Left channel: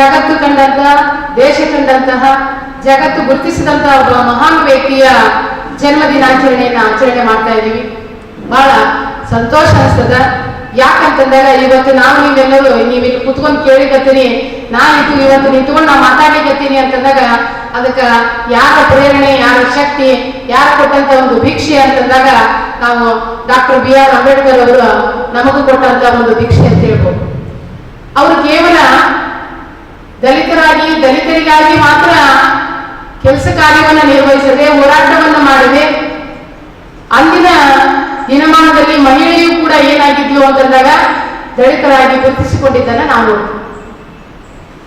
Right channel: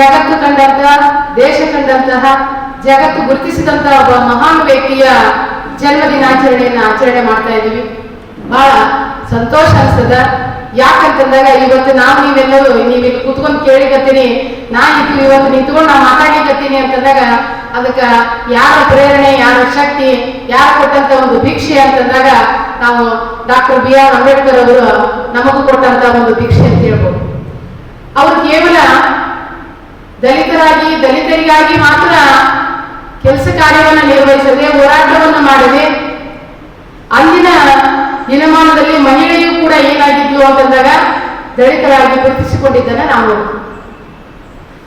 ಜಗತ್ತು ಕಂಡಂತಹ, ದೇಶ ಕಂಡಂತಹ, ಜಗತ್ತು ಗುರುತಿಸಿದಂತಹ ಒಬ್ಬ ಮಹಾನ್ ವ್ಯಕ್ತಿಯ ಜನ್ಮ ದಿನಾಚರಣೆಯನ್ನ ಆಚರಣೆ ಮಾಡ್ತಾ ಇದ್ದೀವಿ. ಬಹಳ ಸಂತೋಷ ಅನಿಸ್ತದ. ಯಾಕಂತಂದಾಗ ಇವತ್ತು ನಾವು ನೀವೆಲ್ಲರೂ ನೀವು ಇಲ್ಲಿ ಕುತ್ಕೊಂಡು ಕೇಳಿಕತ್ತೀನಿ, ನಾ ಇತ್ತು ಇವತ್ತು ನಿಂತ್ಕೊಂಡು ನಾ ಮಾತಾಡ್ಲಿಕತ್ತೀನಿ ಅಂತಂದಾಗ ಅದಕ್ಕ ಯಾರ ಪ್ರೇರಣೆ, ಯಾರ ಶಕ್ತಿ, ಯಾರ ಕೊಟ್ಟಂತ ಒಂದು ಭಿಕ್ಷೆ ಅಂತಂದಾಗ ನಾವು ಡಾಕ್ಟರ್ ಬಿ ಆರ್ ಅಂಬೇಡ್ಕರ್ ಅವರು ನಮಗೂ ಕೊಟ್ಟಂತ ಒಂದು ಭಿಕ್ಷೆ ಅಂತ ಹೇಳ್ಬೋದು. ಅವರು ಕೇವಲ ದಲಿತರಾಗಿ, ದಲಿತರಿಗಾಗಿ ಮಾತ್ರ ಕೆಲಸ ಕಾರ್ಯವನ್ನು ನಿರ್ವಹಿಸದೆ ಹೋರಾಟವನ್ನು ಮಾಡದೆ ಅಂದಿನ ದಿನಮಾನದಲ್ಲಿ ಮಹಿಳೆಯೂ ಕೂಡ ಏನಾಗಿದ್ಲು ಅಂತಂದಾಗ ದಲಿತರಾಗಿ ಗುರುತಿಸಿಕೊಂಡಿದ್ದನ್ನ ನಾವು.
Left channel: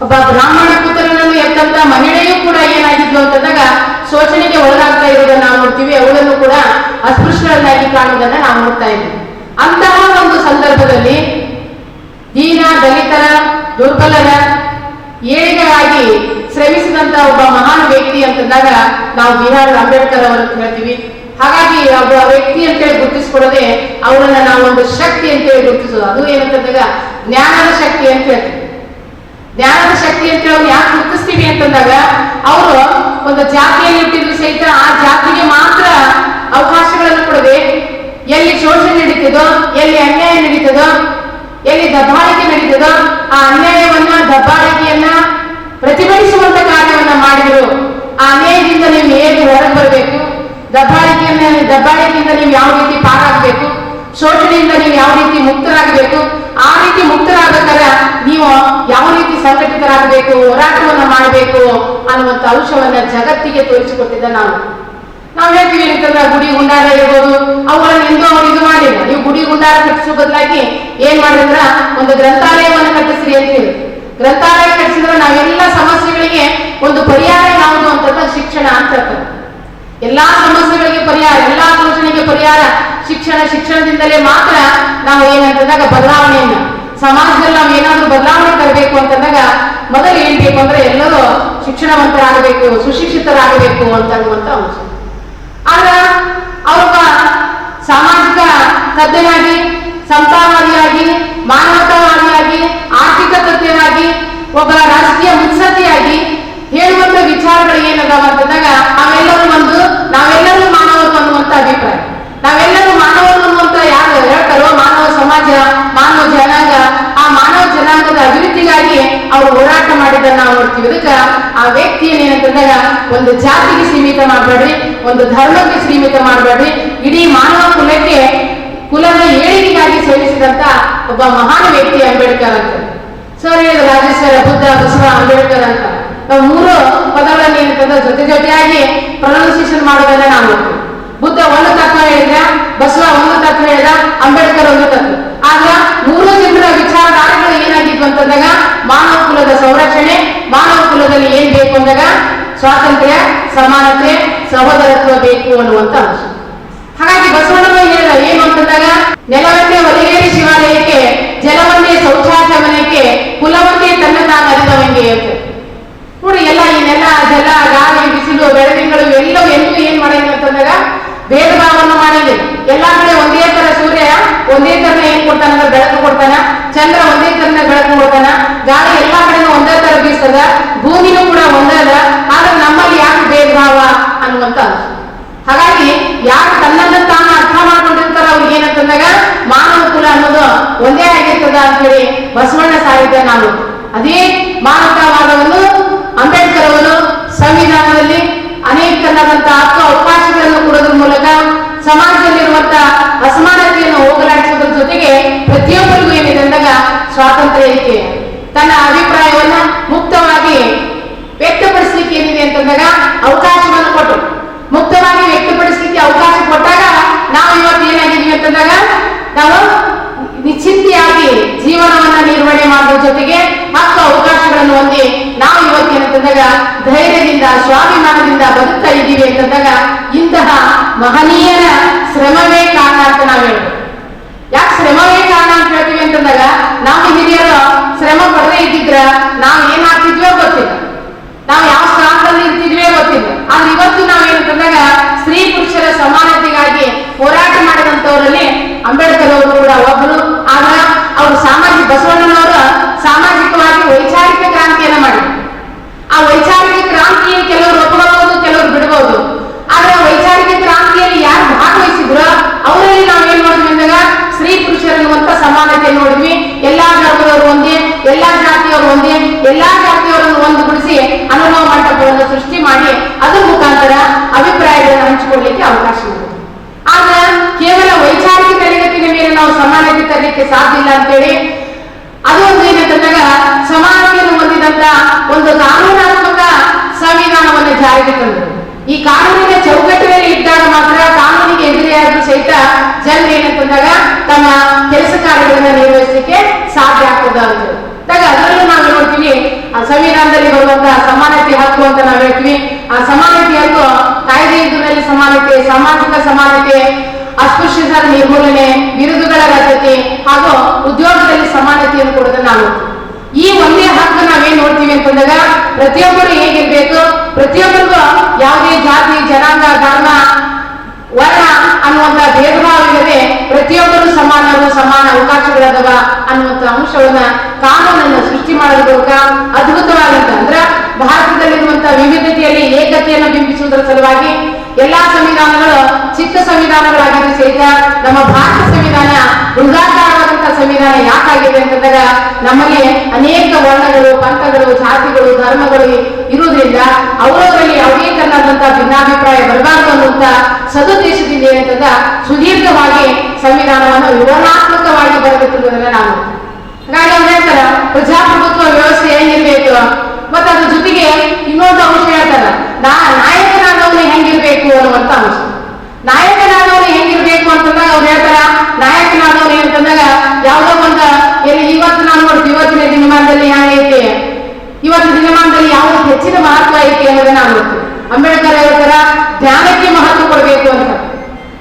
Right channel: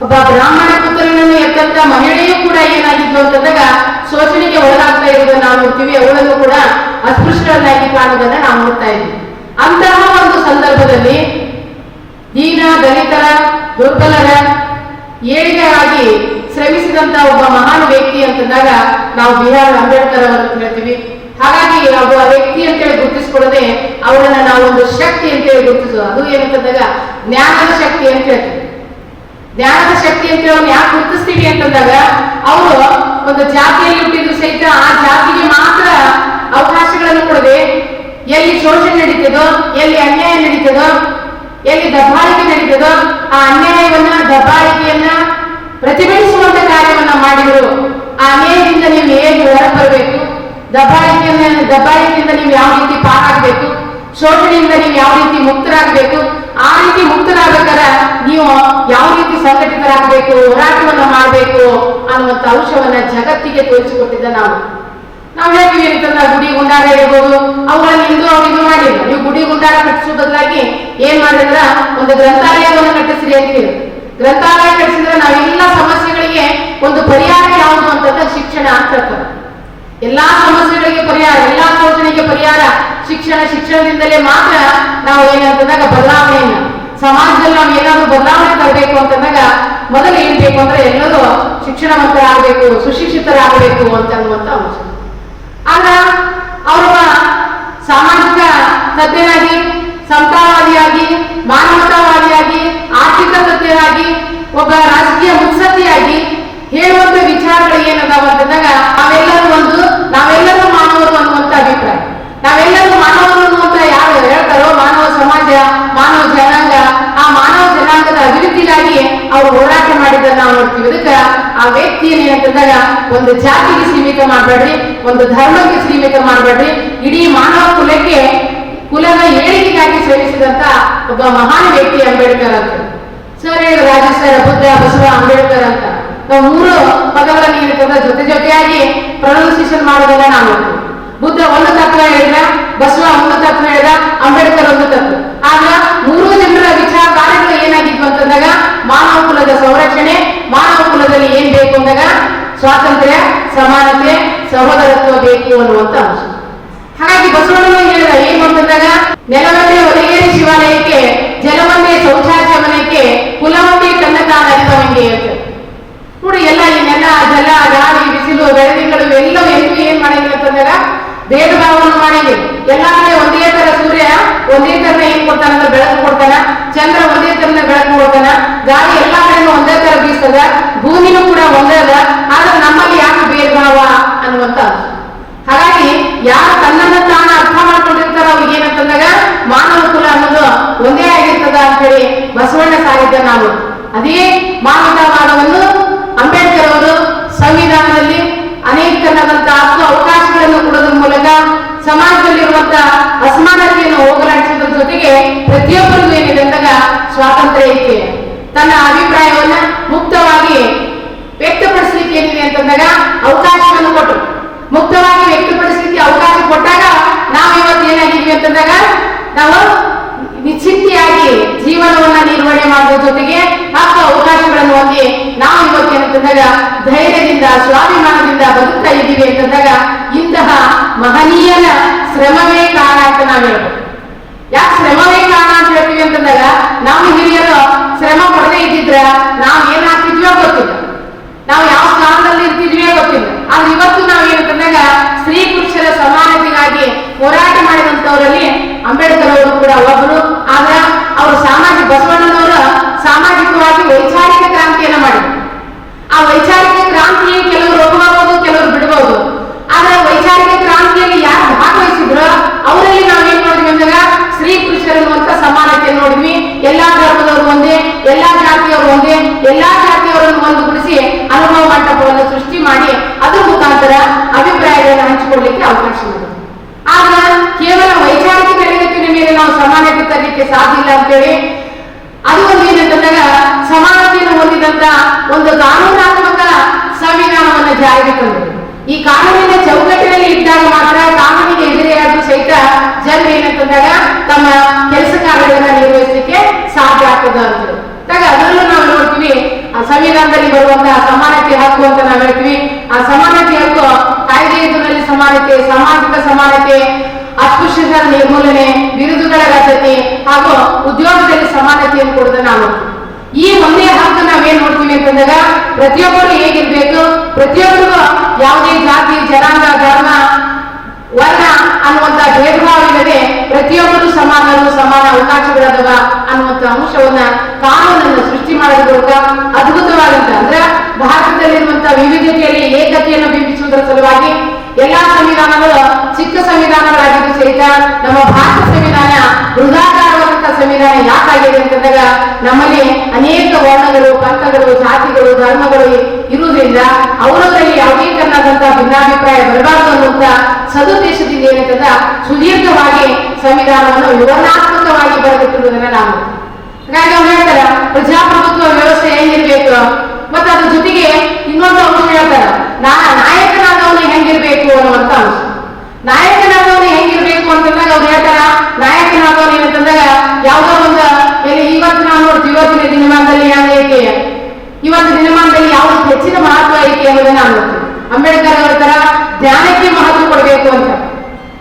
ಒಬ್ಬ ಬ್ರಾಹ್ಮಣ ಪುತ್ರನನ್ನು ಎತ್ತಂತ ಮಹಿಳೆಯೂ ಕೂಡ ಏನಾಗಿದ್ಲು ಅಂತಂದಾಗ ಶೋಷಣೆಗೆ ಒಳಗಾಗ್ತಾ ಇರೋದನ್ನ ನಾವು ನೋಡ್ತೀವಿ ಅವಳನ್ನು ಕೂಡ ಅಸ್ಪೃಶ್ಯರನ್ನಾಗಿ ಕಾಣುವುದನ್ನ ನಾವು ನೋಡ್ತಾ ಇದ್ದೀವಿ ಅಂತಹ ಒಂದು ಸಂದರ್ಭದಲ್ಲಿ ದೀನ, ದಲಿತರ, ದುರ್ಬಲರ ಏಳಿಗೆಯಾಗಿ ಶ್ರಮಿಸಿದಂತ ಒಬ್ಬ ಮಹಾನ್ ವ್ಯಕ್ತಿ ಅಂತಂದಾಗ ನಾವು ಬಿಹಾರ್ ಅಂಬೇಡ್ಕರ್ ಅವರನ್ನು ಹೇಳ್ತೀವಿ ಹಾಗಾಗಿ ಒಬ್ಬ ವ್ಯಕ್ತಿ ಅಂತೇಳಿ ಗುರುತಿಸ್ಕೊಳ್ಳದೆ ಅವರನ್ನ ನಾವು ಒಂದು ಶಕ್ತಿ ಅಂತೇಳಿ ಗುರುತಿಸೋದು. ಅದು ಏನಂತಂದಾಗ ಜ್ಞಾನದ ಶಕ್ತಿ ಅಂತ ಹೇಳ್ತೀವಿ. ಜ್ಞಾನದ ಶಕ್ತಿ ಅಂತ ಹೇಳಿ ಯಾಕೆ ಗುರುತಿಸ್ತೀವಿ ಅಂತಂದಾಗ ಅವರು ಒಂದು ಜಾತಿಯಲ್ಲಿ ಹುಟ್ಟಿದ್ರು ಸಹಿತ ಆ ಜಾತಿಗೆ ಮಾತ್ರ ಅವಕಾಶಗಳನ್ನು ಕೊಡದೆ ಎಲ್ಲಿ ಶೋಷಣೆ ನಡೀತದೋ, ಎಲ್ಲಿ ಅನ್ಯಾಯ ನಡೀತದೋ, ಎಲ್ಲಿ ದಬ್ಬಾಳಿಕೆ ನಡೀತದೋ ಆ ಅನ್ಯಾಯವನ್ನ ದಬ್ಬಾಳಿಕೆಯನ್ನ ಪ್ರತಿಭಟಿಸುವಂತ ಕಾರ್ಯವನ್ನ ಮಾಡಿದ್ರು. ಆ ಅನ್ಯಾಯದಿಂದ ನೀವು ಹೇಗೆ ಹೊರಗೆ ಬರಬೇಕು. ದಬ್ಬಾಳಿಕೆಯನ್ನ ದಬ್ಬಾಳಿಕೆಯಿಂದ ನೀವು ಯಾವ ರೀತಿ ಪಾರಾಗಬೇಕು? ಶೋಷಣೆಯಿಂದ ನೀವು ಯಾವ ರೀತಿ ಮುಕ್ತರಾಗಬೇಕು? ಆ ರೀತಿ ಮುಕ್ತರಾಗಬೇಕಾದ್ರೆ ನೀವು ಯಾವ ರೀತಿ ಸಂಘಟಿತರಾಗಬೇಕು, ಹೋರಾಟವನ್ನ ಮಾಡಬೇಕು ಅನ್ನುವಂತ ಅಂಶವನ್ನ ಜಗತ್ತಿಗೆ ತೋರಿಸಿಕೊಟ್ಟಿದ್ದ ನಾವು. ನಾವು ಹೇಳ್ತೀವಿ ಅಂತಂದ್ರೆ ಗುಡಿ ಗುಂಡಾರ ಇರ್ಬೋದು ಅವುಗಳನ್ನ ಇಂದು ಅವ್ರು ಇದು ಮಾಡಿಲ್ಲ. ನೀವು ಗುಡಿ ಗುಂಡಾರ ಕಟ್ಟಿಸೋ ಬದಲಾಗಿ ಏನ್ ಮಾಡಿದ್ರ ಒಂದು ಗ್ರಂಥಾಲಯವನ್ನು ಕಟ್ಟಿಸ್ರಿ ಹೇಳಿ ಗ್ರಂಥಾಲಯ ಕಟ್ಟಿಸಿದ್ರೆ ನಾವೆಲ್ಲ ಸಮಸ್ಯೆಗಳಿಗೆ ಒಂದು ಪರಿಹಾರ ಯಾವುದು ಅಂತ ಶಿಕ್ಷಣ ಅಂತ ಎಲ್ಲಾ ಸಮಸ್ಯೆಗಳಿಗೆ ಪರಿಹಾರ, ಎಲ್ಲಾ ಶೋಷಣೆಗೆ ಪರಿಹಾರ ಶಿಕ್ಷಣ. ಶಿಕ್ಷಣದಿಂದಲೇ ಮಾತ್ರ ನಾವು ಏನಂತಂದಾಗ ಬದಲಾವಣೆಯನ್ನು ಸಮಾಜದಲ್ಲಿ ನಾವು ಏನಾದ್ರೂ ಬದಲಾವಣೆ ತರಬೇಕು ಅಂತಂದಾಗ ಮೊದಲು ಏನ್ ಬೇಕು ಅಂದ್ರೆ ಎಲ್ಲರೂ ಶಿಕ್ಷಣವಂತರಾಗಬೇಕು, ಸುಶಿಕ್ಷಿತರಾಗಬೇಕು ಅಂತ ಅನ್ನುವಂತ ಅಂಶ. ಆಗ ಅವ್ರ ಸಾಮಾಜಿಕ ತಜ್ಞನಾಗಿ ಸಮತಾವಾದಿಯಾಗಿ ಮಾನವತಾವಾದಿಯಾಗಿ, ಆರ್ಥಿಕ ತಜ್ಞರಾಗಿ ಒಬ್ಬ ರಾಜಕೀಯ ಮುತ್ಸದ್ದಿಯಾಗಿ ಹೇಳುವಂತ ವಿಚಾರಗಳು ಏನದಾವ ಅಂತಂದಾಗ ನಾವೆಲ್ಲರೂ ಒಂದು, ನಾವೆಲ್ಲರೂ ಮಾನವರು ಅನ್ನುವಂತ ಅಭಿಪ್ರಾಯ. ನಾವೆಲ್ಲರೂ ಮಾನವರು ಅನ್ನುವಂತ ಯಾರು ಹೇಳ್ತಾರೋ ಮಾನವ ಸಮಾಜ, ಮಾನವ ಜನಾಂಗ, ಆ ಮಾನವ ಜನಾಂಗದ ಅಭಿವೃದ್ಧಿಗಾಗಿ ಅವರು ಹೋರಾಟ ಮಾಡಿದ್ದನ್ನ ನಾವು ನೋಡ್ತೀವಿ. ಅದಕ್ಕೆ ಆ ವ್ಯಕ್ತಿಯನ್ನೇನಂತಂದಾಗ ಒಂದು ಜಾತಿಗೆ ಸೀಮಿತ ಮಾಡಬೇಡ್ರಿ, ಒಂದು ಧರ್ಮಕ್ಕೆ ಸೀಮಿತ ಮಾಡಬೇಡ್ರಿ ಇಡೀ ಮಾನವ ಕುಲಕ್ಕೆ ಕುಲದ ಶ್ರಮಿಸಿದಂತ ಒಬ್ಬ ಮಹಾನ್ ವ್ಯಕ್ತಿ ಅಂಬೇಡ್ಕರ್ ಅಂತ. ಸರ್ ಹೇಳಿದ್ರು ಬುದ್ಧ, ಬಸವ, ಅಂಬೇಡ್ಕರ್ ಅಂತ. ನಾವು ಮೂರು ಪದಗಳನ್ನು ಏನಂತಂದ್ರೆ ಜೊತೆ ಜೊತೆಯಾಗಿ ಪ್ರೊನೌನ್ಸಿಯೇಷನ್ ಮಾಡೋದನ್ನ ನಾವು ಬುದ್ಧ ಒಂದು ತತ್ವ ಹೇಳಿದ್ರ ಬಸವ ಒಂದು ತತ್ವ ಹೇಳಿದ, ಅಂಬೇಡ್ಕರ್ ಒಂದು ತತ್ವ. ಆದ್ರ ಮೂರು ಜನರ ವಿಚಾರಧಾರೆಗಳು ಏನಾಗಿದ್ವು ಅಂತಂದಾಗ ಮಾನವ ಕುಲದ ಸಂರಕ್ಷಣೆ, ಮಾನವ ಕುಲದಲ್ಲಿ ಏನ್ ಬೇಕು ಅಂದಾಗ ಸ್ವಾತಂತ್ರ್ಯ, ಸಮಾನತೆ, ಸಹೋದರತ್ವ ಬೇಕು ಅನ್ನುವಂತ ಅಂಶ. ಹಾಗಾಗಿ ಬಸವಣ್ಣನ ಹೇಳಿದ ಏನು ಅಂತಂದಾಗ ನೆಲವಂತೆ ಒಲಗೇರಿ ಶಿವಾಲಯಕ್ಕೆ ಜಲವಂತೆ ಶೌಚಾಲಯ ಮನೆಗೆ ಕುಲವಂತೆ ತನ್ನ ತಾನ ಅರಿತವಂಗೆ ನೋಡಿ, ಎಲ್ಲ ಈ ನೆಲ, ಜಲ ಗಾಳಿ ಬಿಸಿಲು, ಬೆಳದಿಂಗಳು ಎಲ್ಲವೂ ಎಲ್ಲೂ ಏನ್ ಮಾಡಂಗಿಲ್ಲ ಅಂತಂದಾಗ ಭೇದ ಭಾವವನ್ನು ಮಾಡಂಗಿಲ್ಲ ಎಲ್ಲಾ ಕಡೆ ಒಂದೇ ತರ ಸೂರ್ಯ, ಒಂದೇ ತರನ ಏನ್ ಕೊಡ್ತಾನ ಅಂದ್ರೆ ಬೆಳಕು ಕೊಡ್ತಾನ, ಚಂದ್ರ ಒಂದೇ ತರನ ಬೆಳಕು ಕೊಡ್ತಾನ, ಗಾಳಿ ಎಲ್ಲಾ ಕಡೆನೂ ಒಂದೇ ತರ ಬೀಸ್ತದ, ಭೂಮಿನೂ ಕೂಡ ಒಂದೇ ಅದ, ಆದ್ರೆ ನಮ್ಮಲ್ಲಿ ಯಾಕೆ ಭೇದ ಭಾವ ಅನ್ನುವಂತ ಹಾಗಾಗಿ ಯಾರು ತನ್ನನ್ನು ತಾನು ಅರ್ಥ ಮಾಡ್ಕೊಂಡಿರ್ತಾರ ಅವ್ರಿಗೆ ಏನಂತಂದಾಗ ಮಾನವ ಕುಲ ಅನ್ನೋದು ಒಂದೇ ಆಗಿರ್ತದ ಅಂತ ಹೇಳಿ ಬಸವಣ್ಣ ಸಾಹಿತ್ಯ ನಾವು ಅದೇ ಮಾನವತಾವಾದವನ್ನು ಅಂಬೇಡ್ಕರ್ ಅವರು ಸಂವಿಧಾನದಲ್ಲಿ ಅನೇಕನಾದಂತ ಹಕ್ಕು ಅವಕಾಶಗಳನ್ನು ಕೊಡೋದ್ರ ಮೂಲಕ ಸಮಾಜದಲ್ಲಿರುವಂತ ಅಸಮಾನತೆಯನ್ನು ಹೋಗಲಾಡಿಸುವುದರ ಜೊತೆಗೆ ಪ್ರತಿಯೊಬ್ಬರಿಗೂ ಏನಿದೆ ಅಂದಾಗ ಸ್ವಾತಂತ್ರ್ಯ ಇದೆ ತನ್ನ ಅಭಿಪ್ರಾಯವನ್ನ ಮುಕ್ತವಾಗಿ ವ್ಯಕ್ತಪಡಿಸಲಿಕ್ಕೆ ಏನಿದೆ ಅಂತಂದಾಗ ಅವಕಾಶವನ್ನು ಕೊಟ್ಟರು. ಮುಕ್ತವಾಗಿ ವ್ಯಕ್ತಪಡಿಸಲಿಕ್ಕೆ ಅವಕಾಶ ಕೊಟ್ಟಾಗ ನಾವು ಇವತ್ತು ಏನಾಗಿದ್ವಿ ಅಂತಂದಾಗ ನಾವು ವಿಚಿತ್ತಿಯಾಗಿ ಜೀವನವನ್ನ ನಿರ್ವಹಣೆ ಮಾಡುವ ಜೊತೆಗೆ ಹಕ್ಕು ಅವಕಾಶಗಳನ್ನು ಹೊಂದಿ ನಾವು ಇವತ್ತು ಏನಂತಂದಾಗ ಧೈರ್ಯದಿಂದ, ಸ್ವಾಭಿಮಾನದಿಂದ ಬದುಕ್ತಾ ಇದ್ದೀವಿ ಅಂತಂದಾಗ ಇಂತಹ ಮಹನೀಯರ ಶ್ರಮವೇ ಕಾರಣ ಅಂತ ನಾವು ಹೇಳ್ಬೋದು. ಯಾಕೆ ಶ್ರಮವೇ ಕಾರಣ ಅಂತ ಹೇಳ್ತೀವಿ ಅಂತಂದಾಗ ನಾವು ಹಿರಿಯರು ಶ್ರಮ ಪಡದೇ ಇದ್ದಿದ್ರ ನಾವು ಏನಾಗ್ತಿದ್ವೋ ಗೊತ್ತಿಲ್ಲ. ನಾವು ಯಾವ ಸ್ಥಾನದಲ್ಲಿ ಗೊತ್ತಿಲ್ಲ ಆದ್ರೆ ಇವತ್ತು ನಾವು ಏನು ಬಂದಾಗ ಸ್ತ್ರೀ ಪುರುಷರ ಸಮಾನತೆಗಾಗಿ ಹೋರಾಟ ಮಾಡಿದಂತವರಲ್ಲಿ ಅಂಬೇಡ್ಕರ್ ಅವರು ಕೂಡ ಒಬ್ಬರು ಆದ್ರ ಅವರು ಸಾಮಾಜಿಕ ಬಸವಣ್ಣನವರು ಎಲ್ಲಾ ಜಾತಿಯವರು ಒಂದೇ ಎಲ್ಲಾ ಜಾತಿಯವರನ್ನು ಒಂದುಗೂಡಿಸಿ ಅನುಭವ ಮಂಟಪವನ್ನು ಸೃಷ್ಟಿ ಮಾಡಿ ಅದ್ರ ಮುಖಾಂತರ ಅಭಿಪ್ರಾಯಗಳನ್ನು ಹಂಚಿಕೊಳ್ಳಿಕ್ಕೆ ಅವಕಾಶ ಇದೆ ಆಗ ಕೇವಲ ವೈಚಾರಿಕ ತರಗತಿಯ ಮೇಲೆ ನಾವು ತರಲಿಕ್ಕೆ ಸಾಧ್ಯ ಇಲ್ಲ ಅಂತೇಳಿ. ಅದು ಒಂದು ಏನಂತಂದಾಗ ಸಮಾನತೆಯನ್ನು ಹೊಂದಿದಂತ ಒಂದು ಕಾನೂನಾತ್ಮಕ ಸಂವಿಧಾನವನ್ನು ಜಾರಿಗೆ ತಂದರು. ಈ ಕಾನೂನಿನ ಚೌಕಟ್ಟಿನಲ್ಲಿ ಇದ್ದಾಗ ಮಾತ್ರ ಕಾನೂನಿಗೆ ಎದುರಿಯಾದ್ರೂ ಸಹಿತ ಜನರು ಏನಂತಂದಾಗ ತಮ್ಮ ಕೆಲಸ ಕಾರ್ಯಗಳನ್ನ ನಿರ್ವಹಿಸಲಿಕ್ಕೆ ಸಾಧ್ಯ ಆಗ್ತದ ಅಂತ ಅದರಲ್ಲೂ ನಾವು ನೋಡ್ತೀವಿ, ಆ ಸಂವಿಧಾನದಲ್ಲಿ ಬರುವಂತಹ ಸಮಾನತೆ ಹಕ್ಕು ಅಂತ ನಾವು ಹೇಳ್ತೀವಿ. ಆ ಸಮಾನತೆ ಹಕ್ಕು ಕಾಯ್ದೆ ಎದುರಿನಲ್ಲಿ ಸಮಾನತೆ, ಸಾಮಾಜಿಕ ಸಮಾನತೆ ಅಸ್ಪೃಶ್ಯತರ ನಿರ್ಮೂಲನೆ, ಬಿರುದುಗಳ ರದ್ದತಿ ಹಾಗೂ ಉದ್ಯೋಗದಲ್ಲಿ ಸಮಾನತೆಯನ್ನು ಕೊಡೋದನ್ನ ನಾವು ಈ ಒಂದೇ ಹಕ್ಕು ನಾವೇನ್ ನೋಡ್ತೀವಿ ಅಂತಂದಾಗ ಪ್ರತಿಯೊಬ್ಬರು ಹೇಗಿರ್ಬೇಕು? ಪ್ರತಿಯೊಬ್ಬರಿಗೂ ಯಾವುದೇ ಜಾತಿ, ಜನಾಂಗ, ಧರ್ಮ, ವರ್ಣ ಅನ್ನುವಂತ ಭೇದಭಾವ ಇಲ್ಲದೆ ಪ್ರತಿಯೊಬ್ಬರು ಸಮಾನರು, ಸಮಾನ ಅವಕಾಶಗಳಾದವ ಅನ್ನುವಂತ ಅಂಶವನ್ನ ಕಾನೂನನ್ನು ಸೃಷ್ಟಿ ಮಾಡೋದ್ರ ಮೂಲಕ ಅದ್ಭುತವಾಗಿದ್ದ ಅಂದ್ರೆ ಭಾರತದಲ್ಲಿರುವಂತಹ ವಿವಿಧತೆಯಲ್ಲಿ ಏಕತೆಯನ್ನು ಬಿಂಬಿಸುವುದರ ಸಲುವಾಗಿ ಎಲ್ಲಾ ಸಂವಿಧಾನಗಳು ಚಿಕ್ಕ ಸಂವಿಧಾನಗಳಾಗಿದ್ದು ಸಹಿತ ನಮ್ಮ ಭಾರತ ಯಾಕಾಗಿದೆ ಅಂತಂದಾಗ ನಮ್ಮಲ್ಲಿ ಅನೇಕ ವರ್ಣಗಳು, ಪಂಥಗಳು, ಜಾತಿಗಳು, ಧರ್ಮಗಳು ಇರುವುದರಿಂದ ಅವರವರಲ್ಲಿ ಯಾವುದೇ ತರನಾದಂತಹ ಭಿನ್ನಾಭಿಪ್ರಾಯ ಬರಬಾರದು ಅನ್ನುವಂತ ಸದುದ್ದೇಶದಿಂದ ಏನಂತಂದ ಸುದೀರ್ಘವಾಗಿ ಸಂವಿಧಾನವನ್ನು ವಿವರಣಾತ್ಮಕವಾಗಿ ಬರೆದಿಟ್ಟಿರುವುದನ್ನ ನಾನು ಹಾಗಾಗಿ ಅವ್ರು ಹೇಳ್ತಾರ, ಪ್ರಜಾಪ್ರಭುತ್ವ ವ್ಯವಸ್ಥೆ ಹೆಂಗಿರ್ಬೇಕು? ಮತ್ತೆ ಅದ್ರ ಜೊತೆಗೆ ಇನ್ನೊಂದು ಅಂಶ ಹೇಳ್ತಾರ, ನಾ, ನಾಯಕನಾದವನು ಹೆಂಗಿರ್ಬೇಕು ಅನ್ನುವಂತ ಅಂಶ. ನಾಯಕನಾದವನು ಹೆಂಗಿರ್ಬೇಕು ಅಂತಂದಾಗ ಅವ್ರು ಹೇಳ್ತಾರ, ನಾಯಕನಾದವನು ಏನಂತಂದಾಗ ಯಾವ್ದೋ ಇವತ್ತಿನ ದಿನಮಾನದಲ್ಲಿ ಹೆಂಗೈತಿ ಇವತ್ತು ದಿನಮಾನದಲ್ಲಿ ಯಾವ್ದು ಹೆಚ್ಚಿನ ಮಹತ್ವ ಐತಿ ಅನ್ನೋದನ್ನ ಅನ್ನುತ್ತೆ ಅಂಬೇಡ್ಕರ್ ಹೇಳ್ತಾರ ಧ್ಯಾನಕ್ಕೆ ಮಹತ್ವ ಕೊಡಬೇಕು ಅಂತ.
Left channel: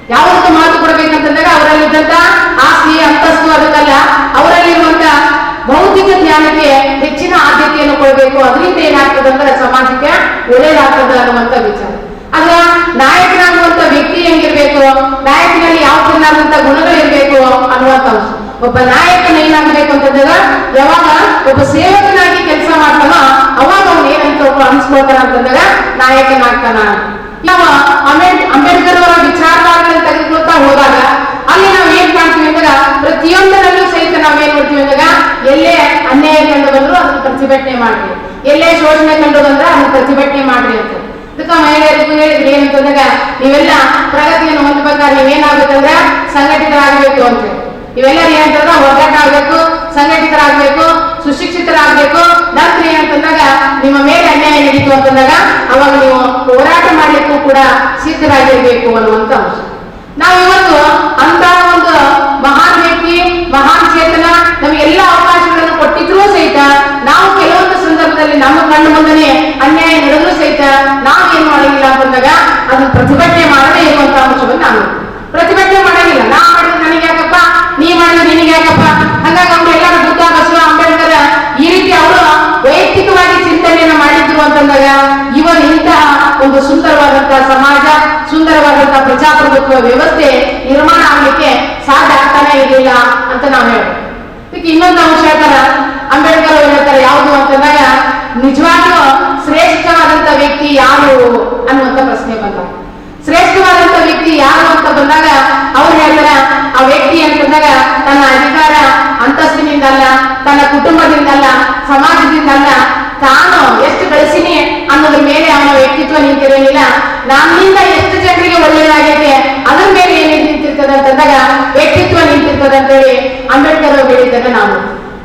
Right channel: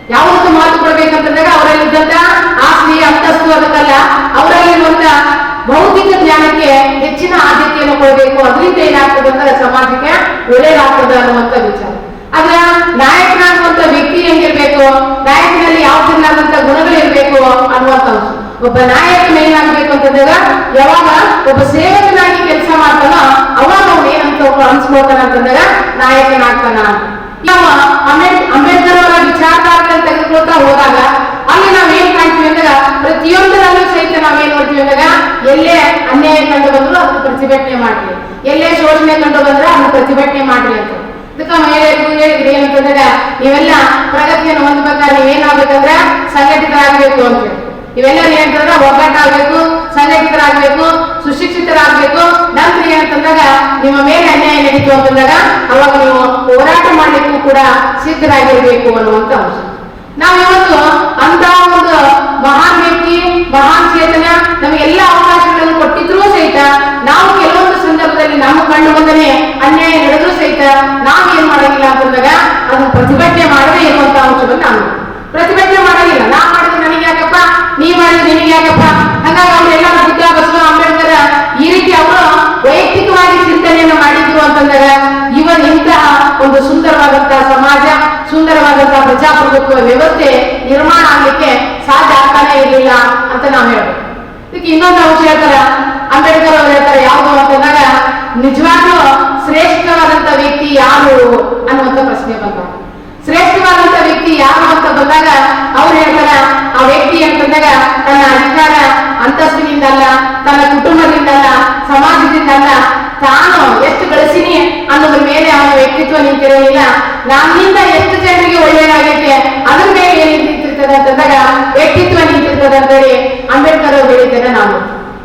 ಯಾವುದಕ್ಕೆ ಮಹತ್ವ ಕೊಡ್ಬೇಕಂತಂದಾಗ ಅವರಲ್ಲಿದ್ದಂತ ಆಸ್ತಿ, ಅಂತಸ್ತು ಅದಕ್ಕಲ್ಲ, ಅವರಲ್ಲಿರುವಂತ ಭೌತಿಕ ಜ್ಞಾನಕ್ಕೆ ಹೆಚ್ಚಿನ ಆದ್ಯತೆಯನ್ನು ಕೊಡಬೇಕು. ಅದರಿಂದ ಏನಾಗ್ತದೆ ಅಂದ್ರೆ ಸಮಾಜಕ್ಕೆ ಒಳ್ಳೇದಾಗ್ತದೆ ಅನ್ನುವಂತ ವಿಚಾರ. ಆದ್ರ ನಾಯಕನಾಗುವಂತ ವ್ಯಕ್ತಿ ಹೆಂಗಿರ್ಬೇಕು? ನಾಯಕನಲ್ಲಿ ಯಾವ ಗುಣಗಳಿರ್ಬೇಕು ಅನ್ನುವಂತ ಅಂಶ. ಒಬ್ಬ ನಾಯಕನ ಏನಾಗಬೇಕು ಅಂತಂದಾಗ ಯಾವಾಗ ಒಬ್ಬ ಸೇವಕನಾಗಿ ಕೆಲಸ ಮಾಡ್ತಾನೋ ಅವಾಗ ಅವ್ನು ಏನಂತ ಒಬ್ಬ ಅನ್ಸ್ಕೊಳ್ತಾನ ಅಂತಂದಾಗ ನಾಯಕನಾಗ್ತಾನ. ಅಂಬೇಡ್, ಅಂಬೇಡ್ಕರ್ ಅವರ ವಿಚಾರಧಾರೆಯನ್ನು ತೆಗೆದುಕೊಳ್ತಾ ಹೋದಾಗ ಅಲ್ಲಿ ನಾವು ಏನ್ ಕಾಣ್ತೀವಿ ಅಂದಾಗ ಪ್ರತಿಯೊಂದರಲ್ಲೂ ಸಹಿತ ನಾವೇನ್ ಮಾಡ್ತೀವಿ ಅಂದಾಗ ಎಲ್ಲೇ ಅನ್ಯಾಯ ಕಂಡು ಬಂದ್ರು ಅದನ್ನ ಪ್ರತಿಭಟನೆ ಮಾಡ್ರಿ. ಎಲ್ಲೇ ಶೋಷಣೆ ಕಂಡು ಬಂದ್ರೆ ಅದನ್ನ ಪ್ರತಿಭಟನೆ ಮಾಡ್ರಿ ಅಂತ. ಇದಕ್ಕ ಮಹಿಳೆಯರಿಗೂ ಹೇಳಿದ್ರಿ ಏನಂತಂದಾಗ ನೀವೆಲ್ಲ ಪ್ರಗತಿಯನ್ನು ಹೊಂದಬೇಕಾದ್ರೆ ನೀವೇನಾಗ್ಬೇಕಂದ್ರೆ ಸಂಘಟಿತರಾಗಬೇಕು ಅಂತ. ಇವೆಲ್ಲರೂ ಏನಂತಂದ್ರೆ ಒಗ್ಗಟ್ಟಾಗಬೇಕು ಸಂಘಟಿತರಾಗಬೇಕು ಸುಶಿಕ್ಷಿತರಾಗಬೇಕು. ನಂತರ ಏನಂತಂದಾಗ ನಿಮ್ಮ ಮೇಲೆ ಅನ್ಯಾಯ ನಡೀತು ಅಂತಂದಾಗ ಅವಾಗ ನೀವು ಹೋರಾಟ ಮಾಡ್ಲಿಕ್ಕೂ ಕೂಡ ಸಿದ್ಧರಾಗಿರ್ಬೇಕು ಅನ್ನುವಂತ ಅಂಶ. ನಾವು ಇವತ್ತು ಅಂತ ಒಂದು ಮಹಾನ್ ವ್ಯಕ್ತಿ, ಮಹಾನ್ ಚೇತನ ನಮಗೆಲ್ಲ ಅವಕಾಶಗಳನ್ನು ಕೊಟ್ಟಿದ್ರೂ ಸಹಿತ ನಾವು ಕೆಲವೊಂದು ಸಂದರ್ಭದಲ್ಲಿ ನಮ್ಮ ಕಣ್ಣು ಮುಂದನೆ ಅನ್ಯಾಯ ನಡೆದ್ರೂ ಸಹಿತ ನಾವು ಏನ್ ಮಾಡಂಗಿಲ್ಲ ಅಂತಂದಾಗ ಅದನ್ನು ಪ್ರತಿಭಟನೆ ಮಾಡದೇ ಇರುವಂತಹ ಅಂಶವನ್ನು ನಾನು ಪ್ರತಿಭಟನೆ ಮಾಡಂಗಿಲ್ಲ ನಾ ಮಾಡಿದ್ರೆ ನನಗೆ ಯಾಕಪ್ಪ ನೀ ಮಾಡಿದ್ರೆ ನಿನಗೆ ಯಾಕಪ್ಪ ಹಾಗಾಗಿ ಅವರೆಲ್ಲರೂ ಬುದ್ಧ ಬಸವ ಅಂಬೇಡ್ಕರ್ ಈ ರೀತಿ ಅವರು ವೈಯಕ್ತಿಕವಾಗಿ ಚಿಂತನೆಯನ್ನ ಇವರ ಇವರು ಇಂತಹ ಒಂದು ಸುಂದರವಾದಂತಹ ಸಮಾಜ, ಸುಂದರವಾದಂತಹ ಪ್ರಜಾಪ್ರಭುತ್ವ ವ್ಯವಸ್ಥೆ ನಿರ್ಮಾಣ ಆಗ್ಲಿಕ್ಕೆ ಸಾಧ್ಯ ಆಗ್ತಾನೆ ಇರಲಿಲ್ಲ ಅಂತ ನಾವು ಹೇಳ್ಬೋದು. ಇದಕ್ಕೆ ಇನ್ನೊಂದು ಅಂಶ ಹೇಳ್ತಾರ, ಅಂಬೇಡ್ಕರ್ ಅವರು ಹೇಳ್ತಾರೆ ಯಾವುದು ಅಂತಂದಾಗ ನಿಜವಾಗ್ಲೂ ಶ್ರೇಷ್ಠವಾದಂತ ವ್ಯಕ್ತಿ ಯಾರು ಅನ್ನುವಂತ ಪ್ರಶ್ನೆ ಬಂದಾಗ ಶ್ರೇಷ್ಠವಾದಂತ ವ್ಯಕ್ತಿ ಯಾರು ಅಂತ ಬಂದಾಗ ಅವ್ರು ಹೇಳ್ತಾರೆ, ಆ ವ್ಯಕ್ತಿ ಅಂತಂದಾಗ ತನ್ನ ಅಧಿಕಾರ ಅಂತಸ್ತಿನಿಂದಲ್ಲ, ತನ್ನ ಕುಟುಂಬದಿಂದಲ್ಲ, ಸಮಾಜದಿಂದಲ್ಲ ತಾನು ಎಷ್ಟು ಗಳಿಸಿನಿ ಅನ್ನೋದ್ರ ಮೇಲೆ ಅವನ ವ್ಯಕ್ತಿತ್ವ ನಿಂತಿರಲಿಲ್ಲ ನನ್ನಿಂದ ಎಷ್ಟು ಜನರಿಗೆ ಒಳ್ಳೇದಾಗೈತೆ ಅದ್ರ ಮೇಲೆ ಏನೇನು ನಿಂತಿರ್ತದೆ ಅಂತಂದಾಗ ವ್ಯಕ್ತಿತ್ವ ನಿಂತಿರ್ತದೆ ಅಂತೇಳಿ ಅಂಬೇಡ್ಕರ್ ಅವರು ಹೇಳಿದ್ದಾರೆ ನಾವು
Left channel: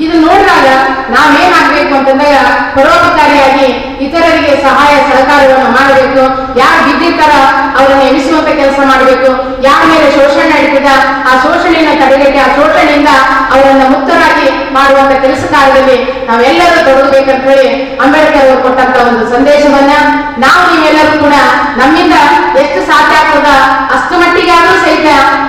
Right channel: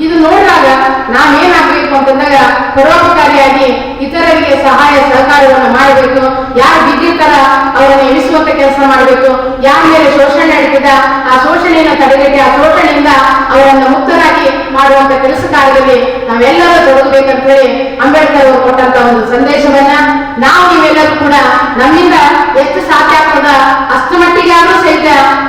ಇದು ನೋಡಿದಾಗ ನಾವೇನಾಗಬೇಕು ಅಂತಂದಾಗ ಪರೋಪಕಾರಿಯಾಗಿ ಇತರರಿಗೆ ಸಹಾಯ ಸಹಕಾರವನ್ನು ಮಾಡಬೇಕು. ಯಾರು ಬಿದ್ದಿರ್ತಾರ ಅವರನ್ನು ಎಣಿಸುವಂತ ಕೆಲಸ ಮಾಡಬೇಕು. ಯಾರ ಮೇಲೆ ಶೋಷಣೆ ನಡೀತದ, ಆ ಶೋಷಣೆಯನ್ನು ತಡೆಗಟ್ಟಿ, ಆ ಶೋಷಣೆಯಿಂದ ಅವರನ್ನು ಮುಕ್ತರಾಗಿ ಮಾಡುವಂತ ಕೆಲಸ ಕಾರ್ಯದಲ್ಲಿ ನಾವೆಲ್ಲರೂ ತೊಡಗಬೇಕಂತ ಹೇಳಿ ಅಂಬೇಡ್ಕರ್ ಅವರು ಕೊಟ್ಟಂತ ಒಂದು ಸಂದೇಶವನ್ನ ನಾವು ನೀವೆಲ್ಲರೂ ಕೂಡ ನಮ್ಮಿಂದ ಎಷ್ಟು ಸಾಧ್ಯ ಆಗ್ತದ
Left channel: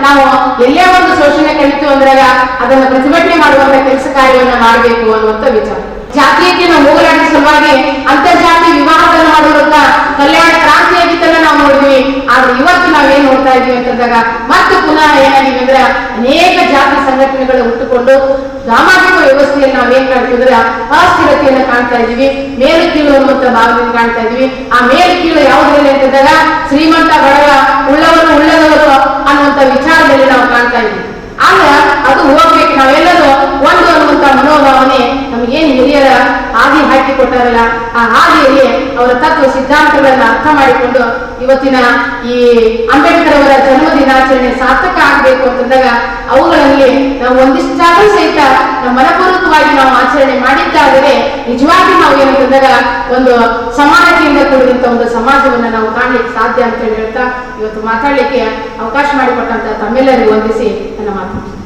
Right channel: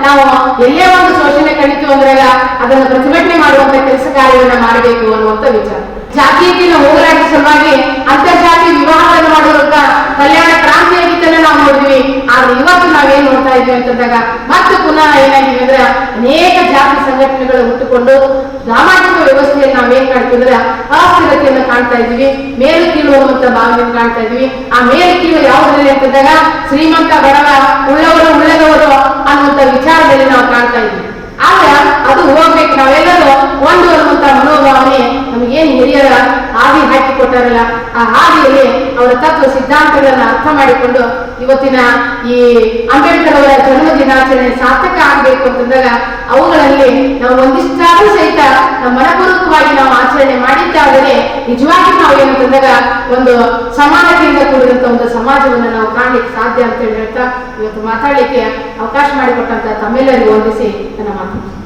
ನಾವು ಎಲ್ಲೇ ಒಂದು ಶೋಷಣೆ ಕಡಿತು ಅಂದ್ರಾಗ ಅದನ್ನು ಪ್ರತಿಭಟನೆ ಮಾಡುವಂತ ಕೆಲಸ ಕಾರ್ಯವನ್ನ ಮಾಡಬೇಕು ಅನ್ನುವಂತ ವಿಚಾರ. ಜಾತೀಯತೆಯನ್ನು ಹೋಗಲಾಡಿದ ಸಲುವಾಗಿ ಅಂತರ್ಜಾತಿ ವಿವಾಹಗಳನ್ನು ಮಾಡುವುದಕ್ಕ ಕಲ್ಯಾಣ ಕ್ರಾಂತಿಯ ಗೀತನ ನಾವು ನೋಡಿದ್ವಿ. ಆದ್ರೆ ಇವತ್ತು ನಾವೇನ್ ನೋಡ್ತಾ ಇದ್ವಿ ಅಂತಂದಾಗ ಮತ್ತೆ ಪುನಃ ಏನಾಗಿದೆ ಅಂದ್ರೆ ಅನೇಕ ಜಾತಿ ಸಂಘಟನೆಗಳು ಹುಟ್ಟುಕೊಂಡು ಸಾಮಾಜಿಕ ವ್ಯವಸ್ಥೆಯನ್ನು ನಾವೇನ್ ಕಾಣ್ತಿದ್ರೆ ಅಸ್ಥಿರತೆಯನ್ನು ಕಾಣ್ತಾ ಇದೀವಿ ಮೇಲು ಕೀಳು ಅನ್ನುವಂತ ಭಾವನೆಯನ್ನು ಕಾಣ್ತಾ ಇದೀವಿ ಆ ಮೇಲು ಕೀಳು ಯಾವುದರಲ್ಲಿ ಅಂತಂದಾಗ ಶ್ರೀಮಂತ ಬಡವ, ಉಳ್ಳವರು, ಉಳ್ಳದವರು ಅನ್ನುವಂತ ವಿಚಾರದಲ್ಲಿ ನಾವು ಕಾಣ್ತಾ ಇದೀವಿ ಆಗ ಅದು ಹೋಗ್ಬೇಕು. ನಾವೆಲ್ಲರೂ ಒಂದು ಅನ್ನುವಂತ ಮನೋಭಾವನೆ ನಮಗೇನು ಹಿರಿಯರ ಹಾದಿ ಹಾಕಿ ಕೊಟ್ಟಾರಲ್ಲ ಆ ಹಾದಿಯಲ್ಲಿ ಅವರ ತತ್ವ ಸಿದ್ಧಾಂತಗಳನ್ನು ಅರ್ಥ ಮಾಡಿಕೊಂಡು ಇವತ್ತಿನ ಈ ಅಂಬೇಡ್ಕರ್ ಅವರ ಜನ್ಮ ದಿನಾಚರಣೆ ಸಾರ್ಥಕ ಆಗಬೇಕು ಅಂತಂದಾಗ ಅವುಗಳಲ್ಲಿ ನಾವು ಒಂದಿಷ್ಟಾದ್ರೂ ಸಹಿತ ನಮ್ಮ ಮನಪೂರ್ವಕವಾಗಿ ನಾವು ಆಚರಣೆ ಮಾಡಿದ್ದಾದರೆ ನಿಜವಾಗಿ ನಾವು ಏನಂತಂದಾಗ ಒಂದು ಸಮಾನತೆಯಿಂದ ಕೂಡಿದಂತ ಒಂದು ಸಮಾಜವನ್ನು ನಾವು ಕಾಣ್ಲಿಕ್ಕೆ ಸಾಧ್ಯ ಅಂತ ಹೇಳಿ ಹೇಳ್ತಾ ಇವತ್ತು ಮಾತಾಡ್ಲಿಕ್ಕೆ ಅವಕಾಶ ಮಾಡಿಕೊಟ್ಟಂತ ತಮ್ಮೆಲ್ಲರಿಗೂ ವಂದಿಸಿ ನನ್ನ ಮಾತು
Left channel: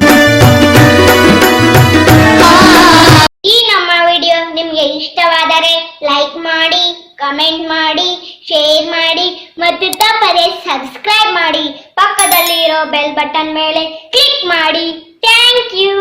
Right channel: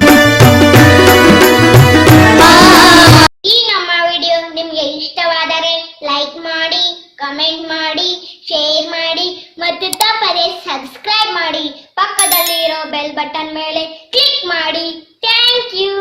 ಕಮೆಂಟ್ ಮಾಡಿ ಶೇರ್ ಮಾಡಿ, ಮತ್ತು ತಪ್ಪದೆ ಸಬ್ಸ್ಕ್ರೈಬ್ ಮಾಡಿ. ಪಕ್ಕದಲ್ಲಿರೋ ಬೆಲ್ ಬಟನ್ ಮೇಲೆ ಕ್ಲಿಕ್ ಮಾಡಿ. Thank you